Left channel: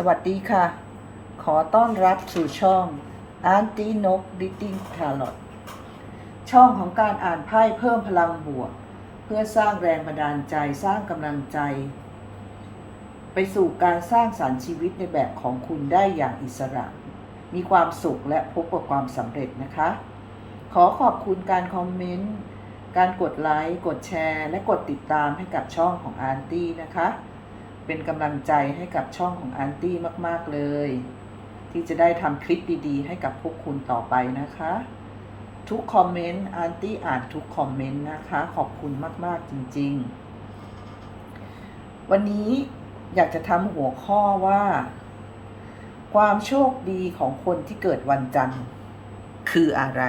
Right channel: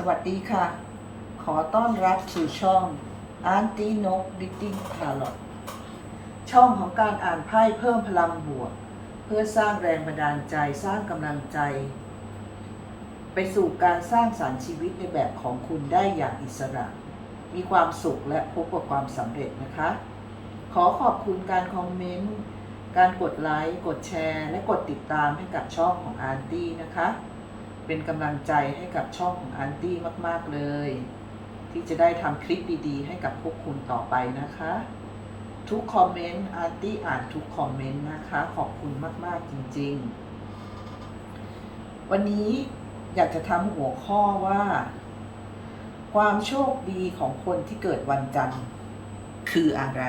สวัสดีค่ะ ขอต้อนรับสู่ช่องอาร์ตี้นกดิติ้งทาร์ลอช่องของการอ่านไพ่เพิ่มพลังบวก เพื่อสร้างแรงบันดาลใจสร้างกำลังใจ ไปสู่การสร้างสารรค์ชีวิตในแบบของคุณได้อย่างอิสระ มีความสุขและพบกับความสำเร็จนะคะ ขอขอบคุณการคอมเมนต์การกดไลค์กดแชร์ และกดติดตามให้กับช่องของอาร์ตี้นะคะ เป็นกำลังใจให้กับช่องของอาร์ตี้มาก ๆ เลย ที่จะได้ทำคลิปดีๆ ให้กับพวกคุณต่อไปนะคะ ทุกคอมเมนต์อาร์ตี้อ่านทุกคอมเมนต์นะคะ ขอบคุณมากๆจริง ๆ วันนี้อยากจะทำหัวข้อว่า ความโชคดีของคนที่เกิดวันจันทร์คืออะไร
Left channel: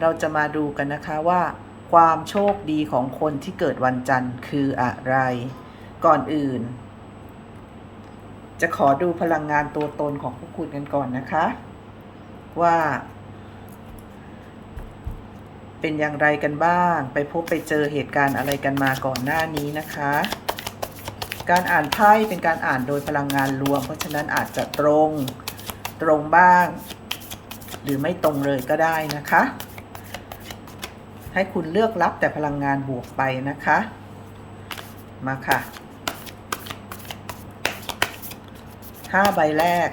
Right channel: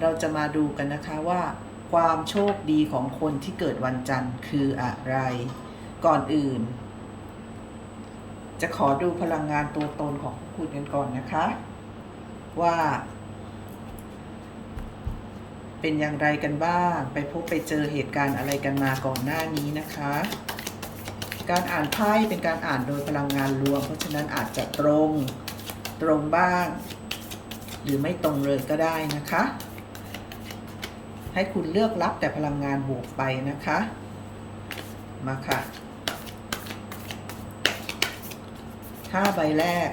เราจะมาดูกันนะคะว่า ความโชคดีของคนที่เกิดวันจันทร์คืออะไร ก่อนอื่น จะขอดูพลังงานตัวตนของพวกคุณกันก่อนนะคะ ว่า เป็นอย่างไรกันบ้าง ไปพบไปเจอเหตุการณ์อะไรกันมาก่อนหน้านี้นะคะ การอ่านไพ่เป็นการอ่านโดยพลังงานรวม เพราะฉะนั้นอาจจะตรงตรงบ้าง หรือไม่ตรงเลยก็ได้นะคะ ให้คุณเลือกรับแต่พลังงานบวกไปนะคะ มาค่ะห้าใบแรก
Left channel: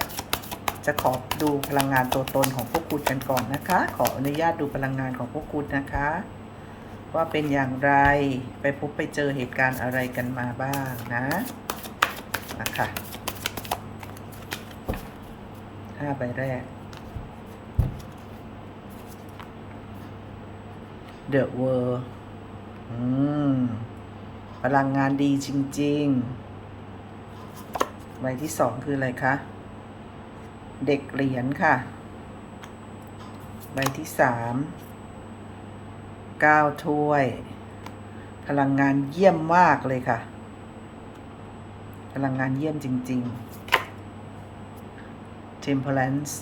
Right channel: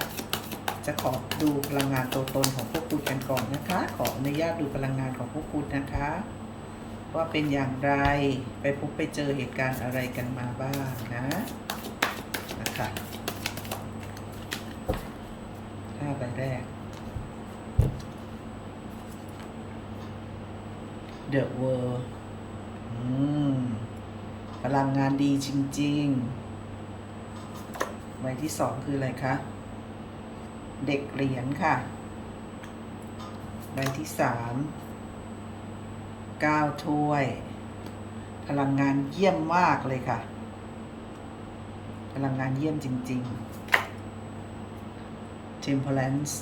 จะขอดูพลังงานตัวตนของพวกคุณกันก่อนนะคะ ขออนุญาตดูพลังงานของพวกคุณนะคะ ว่าเป็นอย่างไรไปพบไปเจอเหตุการณ์อะไรกันมาบ้างนะนะคะห้าใบแรก The World อืมพลังงานดีจริง ๆ ใบที่สองคืออะไรคะ เด็กเหรียญค่ะ ใบที่สามเก้าถ้วย พลังงานเยี่ยมมากเลยค่ะ พลังงานเยี่ยมจริง ๆ Temperance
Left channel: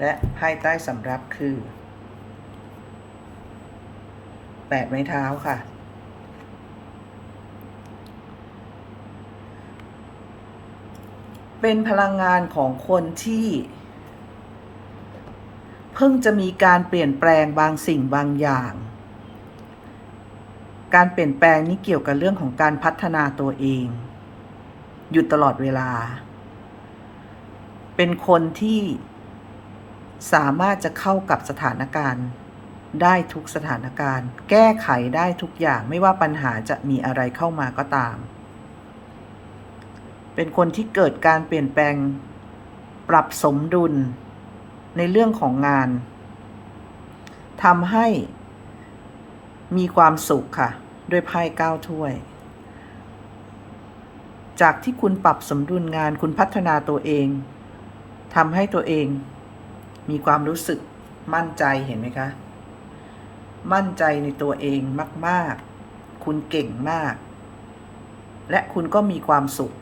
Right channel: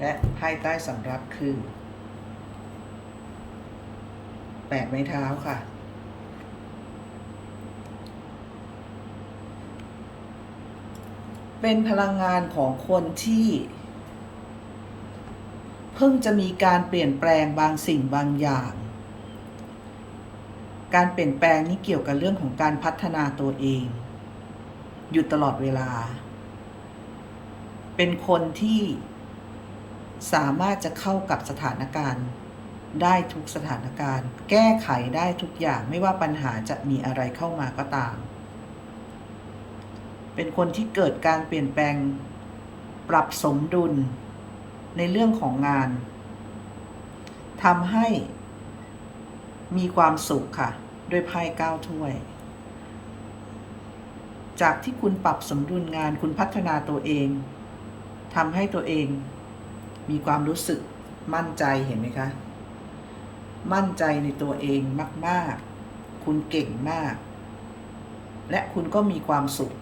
และไพ่ใต้สำรับคือแปดไม้เท้าค่ะ เป็นพลังงานของคนที่ เพิ่งจะมีการเปลี่ยนแปลงบางสิ่งบางอย่าง การเปลี่ยนแปลงนี้เกี่ยวกับเรื่องของการพัฒนาตัวเอง อยู่ตลอดเวลา เป็นคนที่ สามารถจะเข้ากับสถานการณ์ ได้ทุกสถานการณ์ แก้ไขได้ทุกอย่างไม่ว่าปัญหาจะมีอะไรเข้ามาก็ตาม เป็นคนที่เกิดการเปลี่ยนแปลง ปรับสมดุล ในเรื่องของงานทำให้มีความสุขค่ะ ด้วยไพ่เก้าถ้วย จากที่คุณปรับสมดุลงานคุณพัฒนาตัวเองทำให้ตัวเอง มีความรู้สึกมั่นใจเห็นไหมคะ มั่นใจในตัวเองมาก ๆ คุณเก่งมาก และคุณก็มีความสุข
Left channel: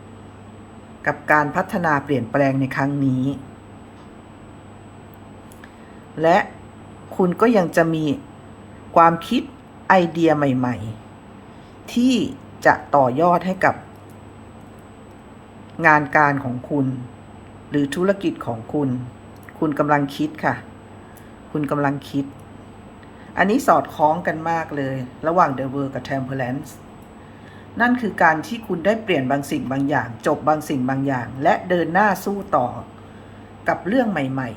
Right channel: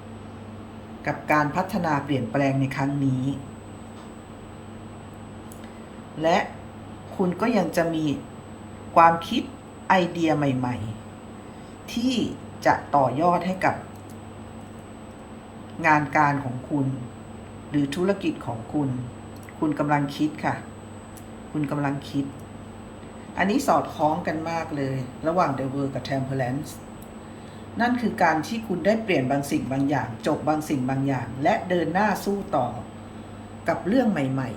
กับการพัฒนาเปลี่ยนแปลงในครั้งนี้ และคุณก็ยังจะมีความคิดไอเดียใหม่ ๆ ที่จะต่อยอดให้กับ งานการของคุณ หรือธุรกิจของคุณ คุณกำลังคิดค่ะ คุณกำลังคิด อันนี้สอดคล้องกันมากเลย ระหว่าง The World กับ Temperance นั่นคือการที่คุณได้เปลี่ยนบางสิ่งบางอย่าง จบบางสิ่งบางอย่าง และเดินหน้าสู้ต่อ กับเรื่องใหม่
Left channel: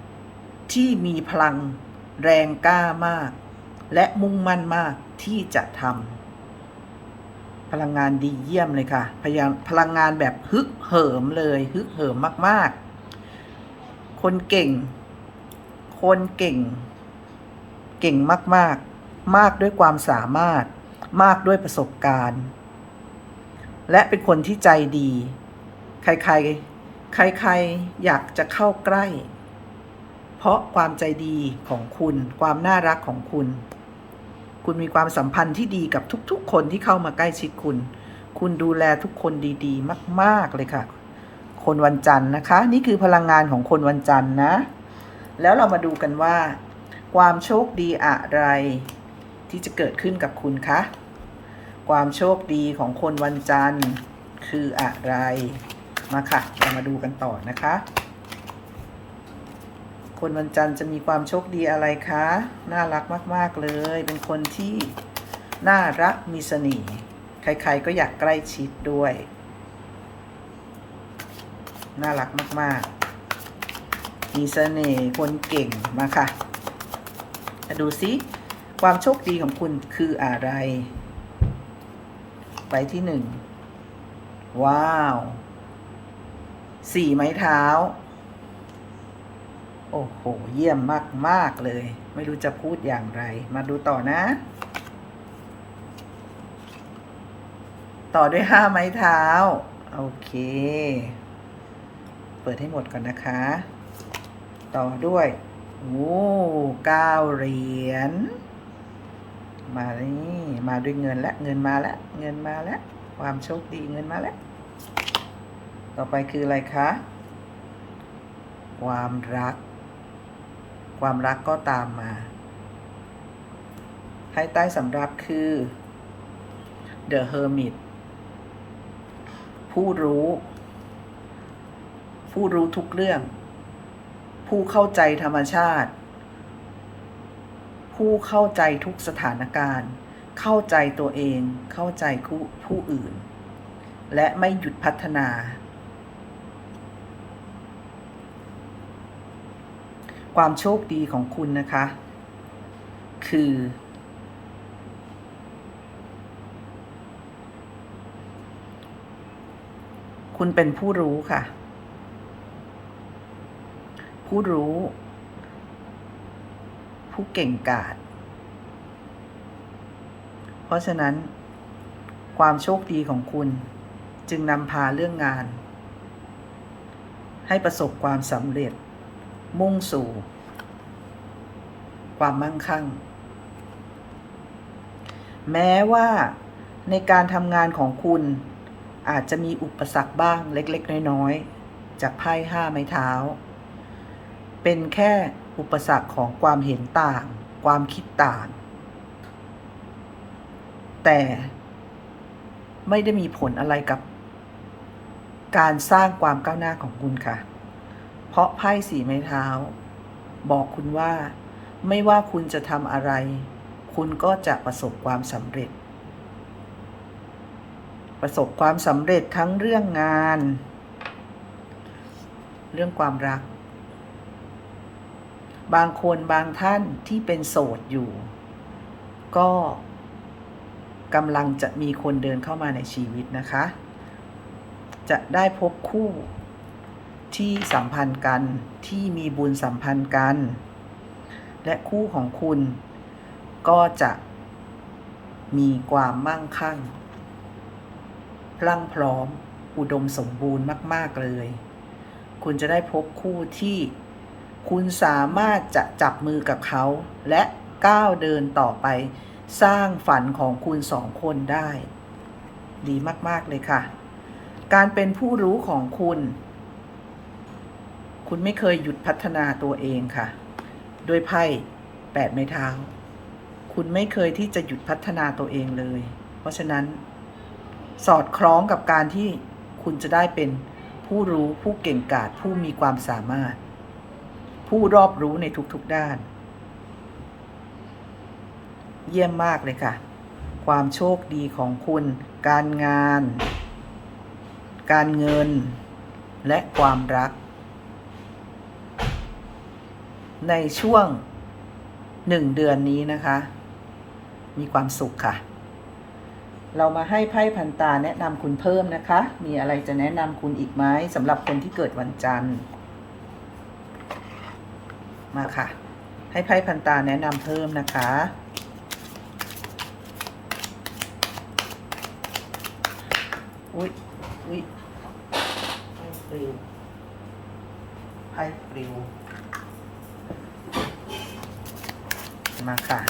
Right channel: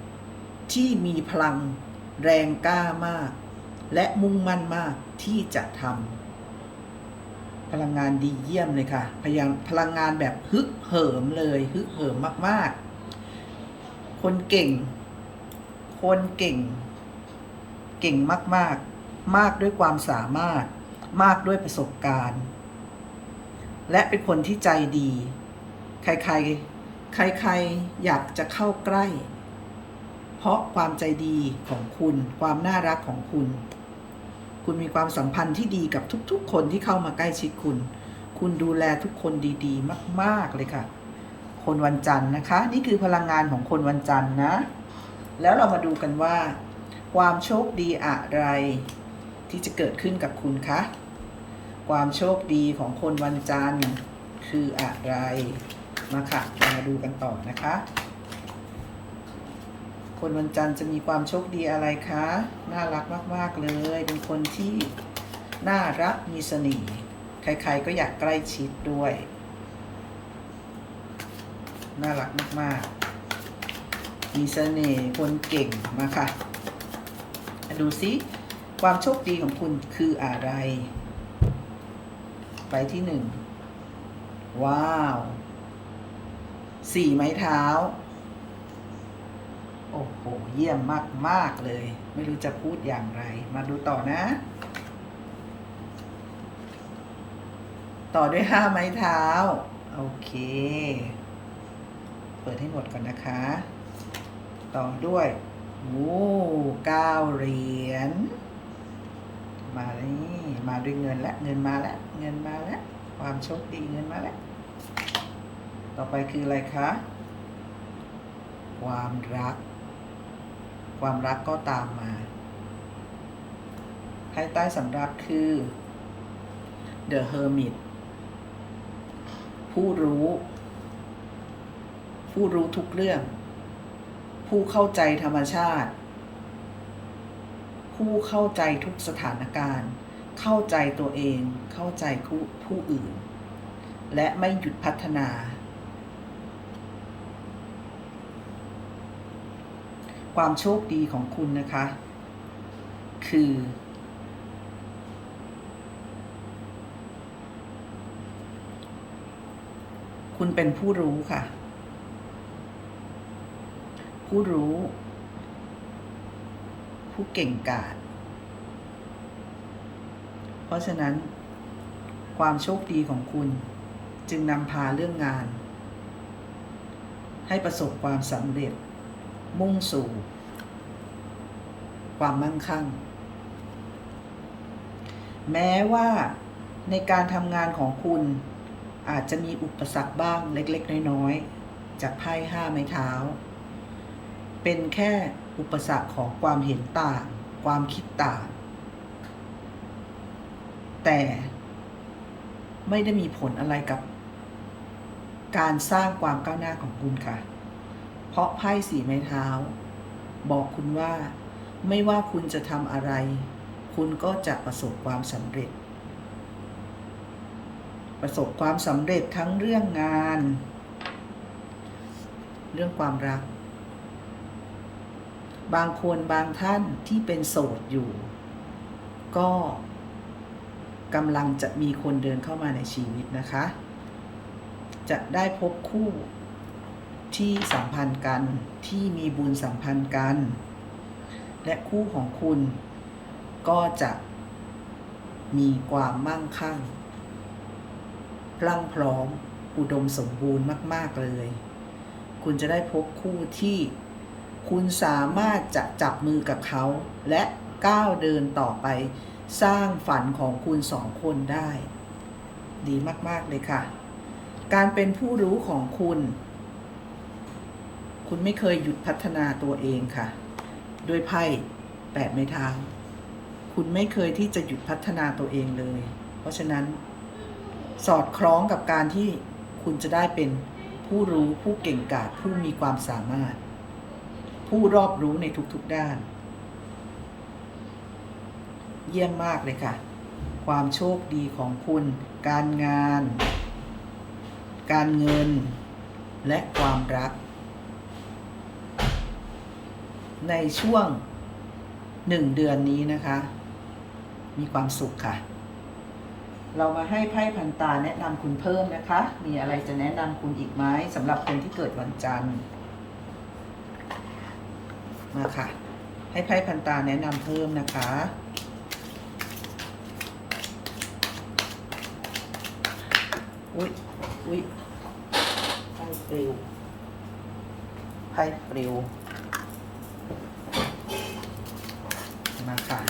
ๆ ที่มีพลังแรงกล้ามาก และมุ่งมั่นมากที่จะทำพลังงานดีเยี่ยมเลยค่ะพยายามพลังงานแบบฮึกเหิมเลยฮึกเหิมมากๆ คนเก่ง คนเก่ง เก่งมากๆมากด้วยความสามารถ มากด้วยประสบการณ์ และเป็นคนที่ใจดี ใครๆ ใครๆ อยากจะเข้าใกล้ เพราะความใจดีของคุณ ความน่ารักของคุณ คุณมีความสัมพันธ์ที่ดีกับทุกๆ คนที่เข้ามาใกล้ชิดคุณ คุณดูแลทุกคนดีๆ มาก ๆ เลยค่ะ คนวันจันทร์นะคะ นี่คือพลังงานของคนวันจันทร์นะ แล้วเรามาดูกันว่า ความโชคดีอะไร ที่จะเกิดขึ้นกับคุณคะความโชคดีของคนวันจันทร์คืออะไรมาค่ะเรามาดูกันต่อนะคะ คนวันจันทร์จะมีความโชคดีอะไรคะน่ารักมาก ๆเลย เป็นคนที่น่ารักมีเสน่ห์ใครๆก็อยากใกล้ชิดด้วย น่ารักมาก ๆ มีเสน่ห์คนเก่งมาค่ะมาดูซิ ความโชคดีของคุณคืออะไร ไปที่หนึ่ง ว้าว สี่ไม้เท้า โอ้โห เยี่ยมมาก ๆ เลย ไม่รู้จะพูดอย่างไร มาดูต่อนะต่อด้วยห้าไม้เท้า โอเค เปิดให้หมดก่อนนะคะ ต่อด้วยโอ้เก้าเหรียญ มาแล้วนี่มาด้วยเงินและเงินมาแล้วเงินมาแล้วความโชคดีเงินมาแล้ว ต่อไปคืออะไรคะ ความรัก ความรักก็ตามมาไพ่ใต้สำรับคือ The Hermit ผู้รู้ ผู้รู้ทุกเรื่อง ผู้เข้าใจธรรมชาติ ผู้เข้าใจทุกสถานการณ์ เข้าใจตัวเอง เข้าใจผู้ผู้อื่น และไม่หยุดพัฒนา ความโชคดีของคุณนะคะ คือ คุณเป็นผู้รู้ค่ะ ผู้รู้ ผู้เก่งกาจเพราะฉะนั้น ความโชคดีของคุณจึงนำพาเรื่องงาน ให้ประสบความสำเร็จ มุ่งสู่ ความมั่งคั่ง แม้ว่าในการทำงานของคุณอาจจะมีอุปสรรคบ้างเล็ก ๆ น้อย ๆ จากไพ่ห้าไม้เท้า เป็นแค่อุปสรรคของความเห็นต่าง ความคิดต่าง แต่ไม่ได้มีผลอะไรกับ การสร้างความก้าวหน้าของคุณค่ะ เพราะไพ่สีไม้เท้า บอกคุณว่าไม่ว่าคุณจะทำอะไร คุณก็จะประสบความสำเร็จ ประสบความสำเร็จทั้งเรื่องงาน เรื่องความรัก บางคนบางท่านที่เป็นโสดอยู่ ก็กำลังจะมีคนเดินเข้ามาในชีวิตนะคะ จะได้พบคู่ที่สัมพันธ์กันที่มีบุญสัมพันธ์กัน และคู่ของคุณก็จะมีความมั่งคั่งพลั่งพร้อมอุดมสมบูรณ์มาก ๆ เลย คุณจะได้พบคู่ที่ คุณสามารถจะจับมือกับเขา และก้าวเดินต่อไป สร้างฝันของคุณสองคนได้ ดีมาก ๆ เลยค่ะ การเป็นผู้รู้ของคุณ คุณไม่เคยหยุดพัฒนาตัวเองค่ะด้วยไพ่แปดไม้เท้า คุณไม่เคยที่จะหยุดพัฒนาตัวเองเลย เพราะฉะนั้น สอดคล้องกับการที่คุณจะได้เป็นผู้รู้ผู้เก่งกาจผู้มีความสามารถ ผู้รอบรู้ในทุกๆด้าน เยี่ยมมากเลยค่ะ ความโชคดีของคุณ การงาน การเงิน และความรัก ในช่วงหนึ่งเดือนนี้นะคะ มีความสุขค่ะ เรามาให้ไพ่พันตาแนะนำคุณเพิ่มนะคะ มีอะไรจะแนะนำคุณอีกไหมสำหรับคนที่เกิดวันจันทร์ มาค่ะ ให้ไพ่พันตาแนะนำเพิ่มนะคะ อุ๊ย อุ๊ยไพ่ปลิวไพ่ปลิว มาค่ะ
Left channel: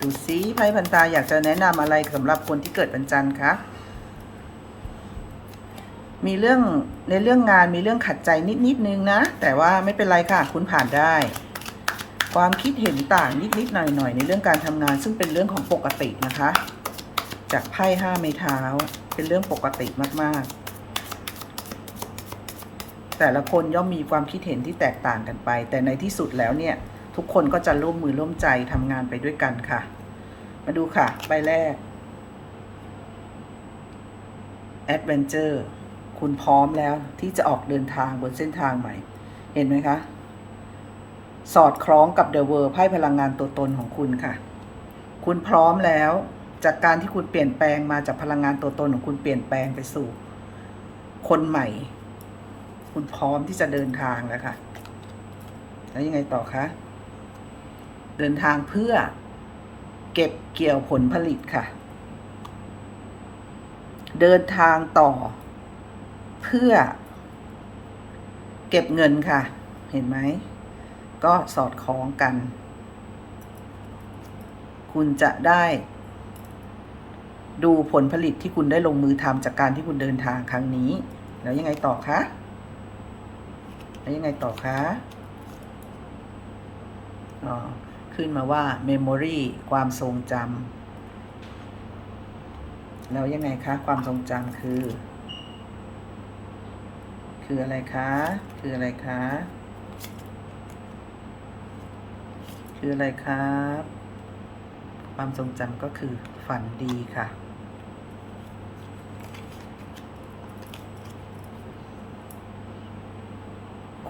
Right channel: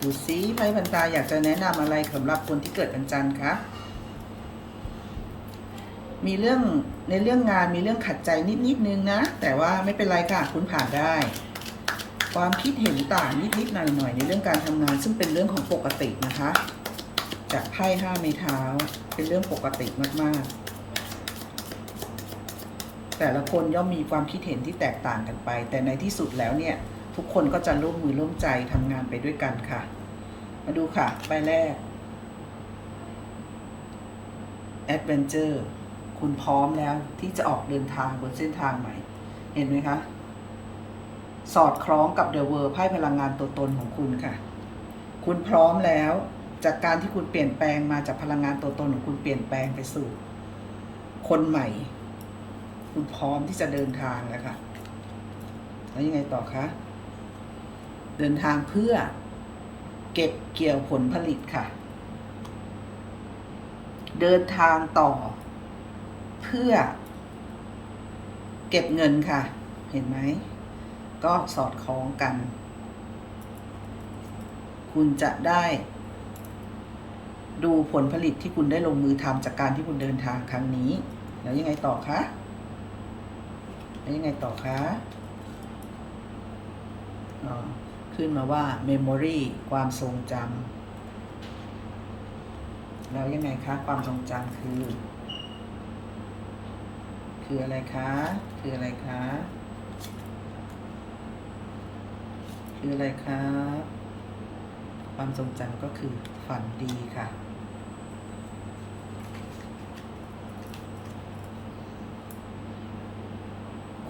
ดูซิไพ่พันตาอยากจะแนะนำอะไรสำหรับคนที่เกิดวันจันทร์คะ มีเรื่องในเรื่องงานมีเรื่องขัดใจนิดนิดนึงนะ แต่ว่าไม่เป็นไรค่ะ คุณผ่านได้ ความคิดเห็นต่างนิดๆหน่อยๆในเรื่องการทำงาน ซึ่งเป็นเรื่องของปกตินะคะ จากไพ่ห้าไม้เท้า เป็นเรื่องปกติมากๆ แต่ละคนย่อมมีความคิดเห็นที่แตกต่างกันไป แต่ในที่สุดแล้วเนี่ย ทุกคนก็จะร่วมมือร่วมใจทำงานไปด้วยกันค่ะ มาดูค่ะ ใบแรก Adventure คุณพร้อมแล้วที่จะออกเดินทางบนเส้นทางใหม่ เห็นไหมคะ สอดคล้องกับ The World ไพ่พลังงานตัวตนของคุณค่ะ คุณพร้อมแล้วจากการที่คุณเปลี่ยนแปลงมาจากพลังงานตัวตนของคุณเปลี่ยนแปลงไปสู่ คนใหม่ คุณพร้อมที่จะเดินทางแล้วค่ะแล้วยังไงต่อคะเดินทางเพื่อเก็บเกี่ยวผลผลิตค่ะ เดินทางต่อ เพื่อ เก็บเงินค่ะ เห็นไหม ก็สอดคล้องกัน คุณจะได้ ดูผลผลิตที่คุณได้ลงมือทำจากการที่คุณเดินทางครั้งนี้ แล้วยังไงต่อคะแล้วยังไงต่อคะอ๋อขึ้นมาว่า memory ความทรงจำแล้วยังไงคะ ความทรงจำคือ คืออะไรคะ คืออะไรคะ คืออะไรครับ ความทรงจำก็คือฝันดีค่ะ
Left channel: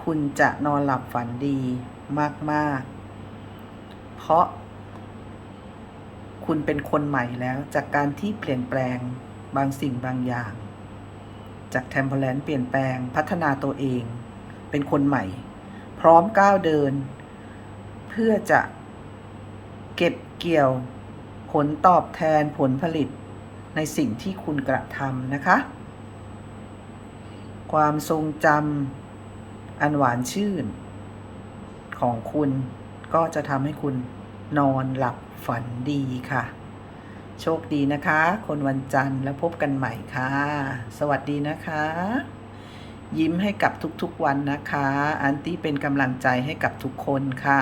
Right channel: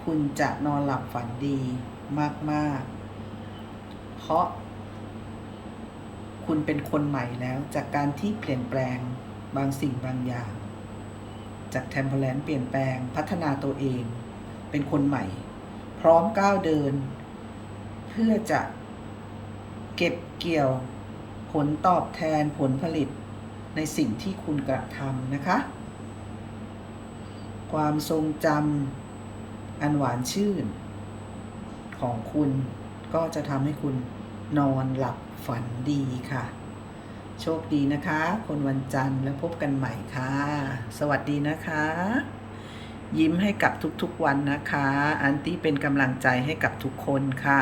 คุณจะนอนหลับฝันดีมาก ๆ เพราะ คุณเป็นคนใหม่แล้วจากการที่เปลี่ยนแปลงบางสิ่งบางอย่าง จากเทมเพลนเปลี่ยนแปลงพัฒนาตัวเอง เป็นคนใหม่ พร้อมก้าวเดิน เพื่อจะเก็บเกี่ยวผลตอบแทนผลผลิตในสิ่งที่คุณกระทำนะคะ ความทรงจำอันหวานชื่น ของคุณก็จะทำให้คุณนอนหลับฝันดีค่ะ โชคดีนะคะ คนวันจันทร์แล้วพบกันใหม่ค่ะ สวัสดีนะคะ ยิ้มให้กับทุกๆวันนะคะ อันตี้เป็นกำลังใจให้กับทุกคนค่ะ